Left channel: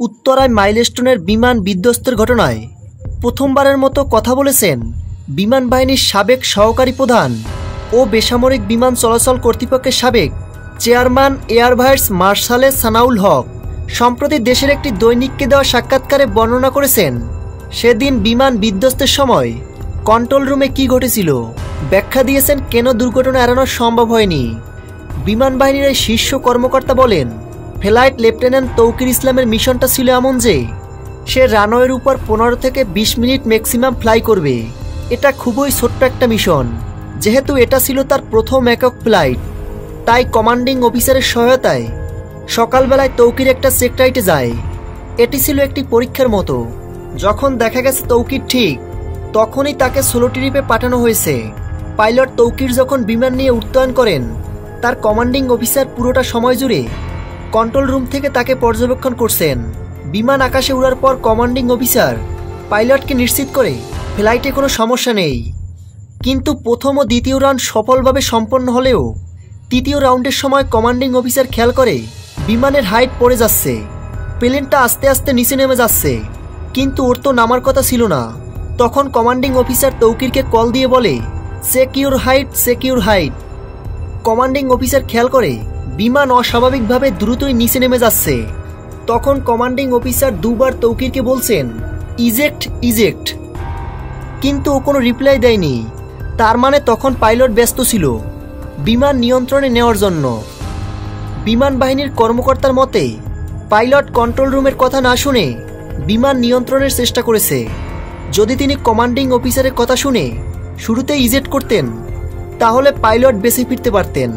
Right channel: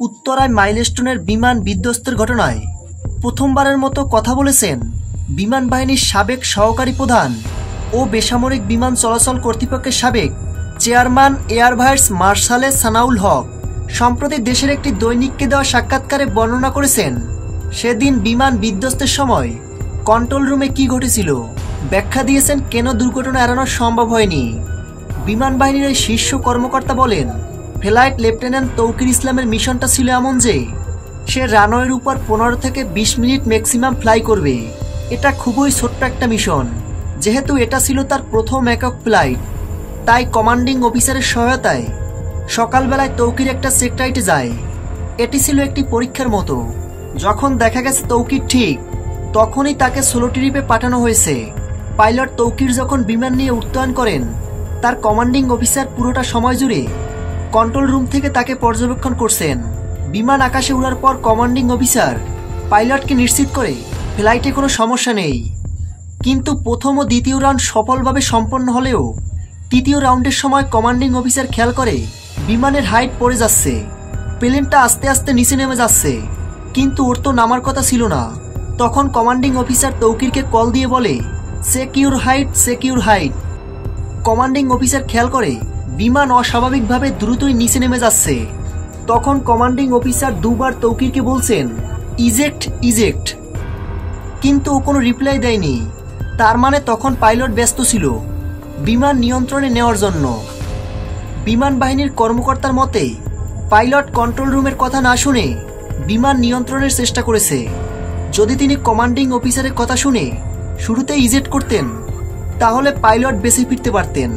উত্তরায় মাইলস্টোনের বিমান বিধ্বস্তের ঘটনায় প্রথমবারের মতো কথা বলেছেন বিমান বাহিনীর সাবেক সহকারী প্রধান ও বেসামরিক বিমান চলাচল কর্তৃপক্ষের সাবেক chairman air vice marshal Sanaul Haque. সম্প্রতি দেশের একটি দৈনিককে দেওয়া সাক্ষাৎকারে বর্ণনা করেছেন সেদিন বিমান বিধ্বস্তের সময় কন্ট্রোল রুমে কি ঘটেছিল, ব্যাখ্যা দিয়েছেন কেন দুর্ঘটনা এড়ানো সম্ভব হয়নি। বিমান বাহিনীর এই শীর্ষ কর্মকর্তা বলেন, ফ্লাইট লেফটেন্যান্ট তৌকির ইসলামের মিশনটা ছিল এমন যে সে রানওয়ের উপর 15 থেকে 20 মিনিট ম্যাক্সিমাম ফ্লাই করবে। এটা খুবই ছোট্ট একটা মিশন। যেহেতু এটা ছিল তার প্রথম একক ফ্লাইট, তাই কমান্ডিং অফিসারের সহায়তায় সকালবেলায় তৌকির একটা সেক্টরাইটে যায়। এটি ছিল একটি পরীক্ষার মতো। যখন দেখা গেছে তৌকির ঠিক, তখনই তাকে সোলো ট্রিপে পাঠানো হয়েছে। পাইলট তৌকির যখন বিমান নিয়ে উত্তোলন করেন, তার কমান্ডিং অফিসার পুরোটা সময় জুড়ে কন্ট্রোল রুম থেকে তাকে পর্যবেক্ষণ করছেন। বিমান আকাশে উড়ার পর কমান্ডিং অফিসার পাইলটকে নিশ্চিত করে ফ্লাইটে কোনো সমস্যা নেই। কিন্তু প্রথম ও দ্বিতীয় রাউন্ড সফলভাবে সম্পন্ন হলেও তৃতীয় রাউন্ডের সময় কমান্ডিং অফিসার খেয়াল করে বিমানের হাইট পড়ে যাচ্ছে, প্লেনটা আস্তে আস্তে নিচে নেমে যাচ্ছে, কিন্তু ওর তো নামার কথা ছিল না। তখন কমান্ডিং অফিসার তৌকিরকে কল দিয়ে বলে, secure height, secure height. Commanding officer খেয়াল করে বিমান অস্বাভাবিকভাবে দ্রুতই নিচে নেমে যাচ্ছে। তখন কমান্ডিং অফিসার দুবার তৌকিরকে বলছেন, ইজেক্ট, ইজেক্ট, কিন্তু ও কোনো রিপ্লাই দেয়নি। তার মানে তখন পাইলট ব্যস্ত ছিল বিমান নিয়ন্ত্রণে নেওয়ার জন্য। বিমান বাহিনীর কর্মকর্তার মতে পাইলট কন্ট্রোল রুমের কথা না শুনে বিমান নিয়ন্ত্রণের চেষ্টা করেছে। যদি তিনি কমান্ডিং অফিসারের কথা শুনে শুরুতে ইজেক্ট করতেন, তাহলে পাইলট বেঁচে ফিরতে পারতেন।